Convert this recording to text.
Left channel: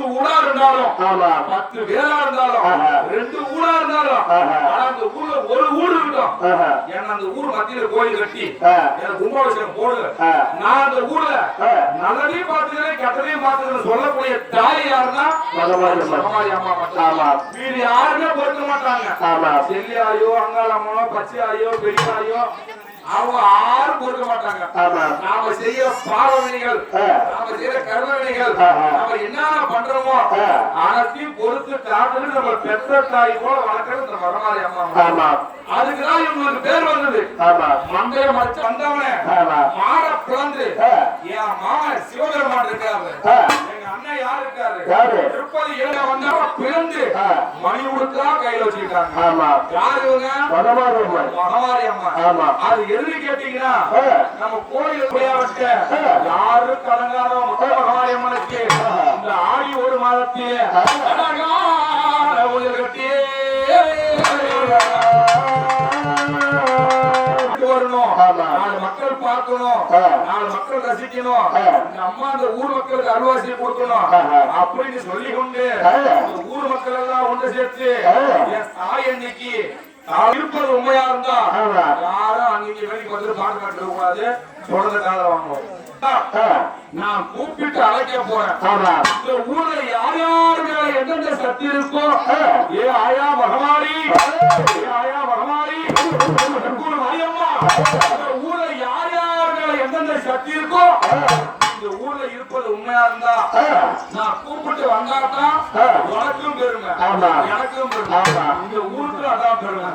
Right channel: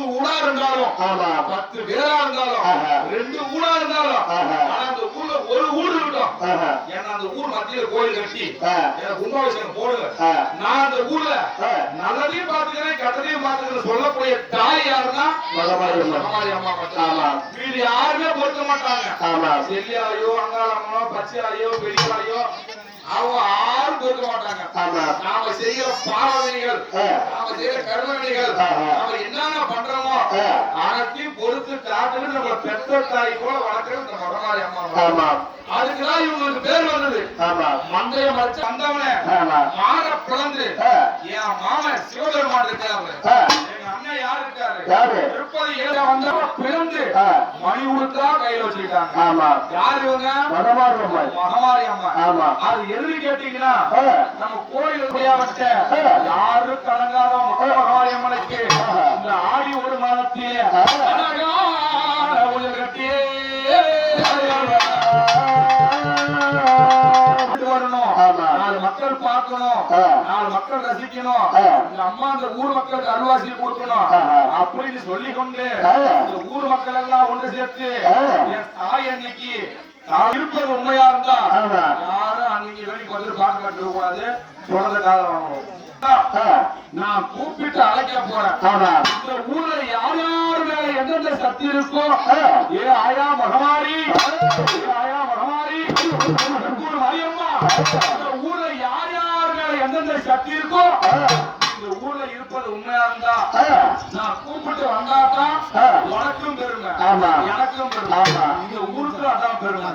10 ஊடா இருந்தாலும் 10 பேரா இருந்தாலும் 2 ஊடா இருந்தாலும் அந்த ஊர்ல ஒரு ஊடு இருக்கட்டும். ஏன்னா அந்த ஊர் மத்தியில கோயில் கட்டி எனக்கு கும்பாபிஷேகம் போடுங்க. நான் அந்த ஊர்ல நல்லதையும் பார்த்துக்கிறேன் கட்டதையும் பார்த்துக்கிறேன் சொல்லக்கூடிய தாய் யாருன்னா மகமாரி அம்மா மட்டும். வீடு யாருமே பொறுக்க மாட்டாங்க. செல்லியாயோ அங்காளம்மோ பச்சையாயோ பெரியாயோ அவங்க யாரும் பொறுக்க மாட்டாங்க. நாம செய்யற பாவவினைகள் நாம செய்யற கர்மவினைகள் நாம என்னென்ன பண்றோமோ அனைத்தையும் பொறுத்து காட்டுன்னு நம்ம பெற்ற தாய் போல வளர்க்கறது இந்த மகமாரி அம்மா. அதுக்குதான் இவங்களுக்கு பேர் வந்தது. மந்தைய மறைச்சு வந்தவனே மாற பிளந்து என் மாமன் சிவபெருமான் இருக்காரு. எங்க அண்ணன் யாரு இருக்காரு? திருப்பதி ஏழை வந்தவன் பிறந்து மணி உடுத்தா கையில வச்சுக்கிட்டாங்க. யாரு இவங்க? மகமாரி அம்மா. அது எது கேட்டீங்கன்னா நம்ம கோயில் முடியாவட்ட யாரும் கலங்காத மகமாரி அம்மனுக்கு இந்த ஆடி ஒரு மாதத்திலே ஊழல் கட்டியே வரணும். 4 மக்கள் பார்க்கணும், 4 மக்கள் ரசிக்கணும், இந்த அம்மா இந்த ஊர் மக்களுக்கு அருள்வாசி கொடுக்கணும் அப்படின்னு சொல்லி கொண்டு ஊர் மக்கள் எல்லாம் ஒன்று சேர்த்து என் தாய் அன்னைக்கு இருப்பது உண்மையா இருந்தா யாரும் அன்னைக்கு வெளிக்கு வந்து பாட்டு கட்ட கூடாது. தொடர்ந்து காதல வாங்கணும். நான் கூப்பிட்டு அழைக்க போறேன். இந்த ஊர்ல யார் யார் மேல எந்தெந்த சக்தி இருக்கோ ஏ ஆயா மகமாரி, ஏ ஆயா மகமாரி, மரியம்மா, ஊர்ல யார் யார் மேல எந்தெந்த சக்தி இருக்கோ இந்த ஊர்ல இருப்பது உண்மையா இருந்தா நான் கூப்பிட்டு வந்தாதான் உனக்கும் பெருமை எனக்கும் பெருமை. இந்த ஊருக்கு அதான் பெருமை.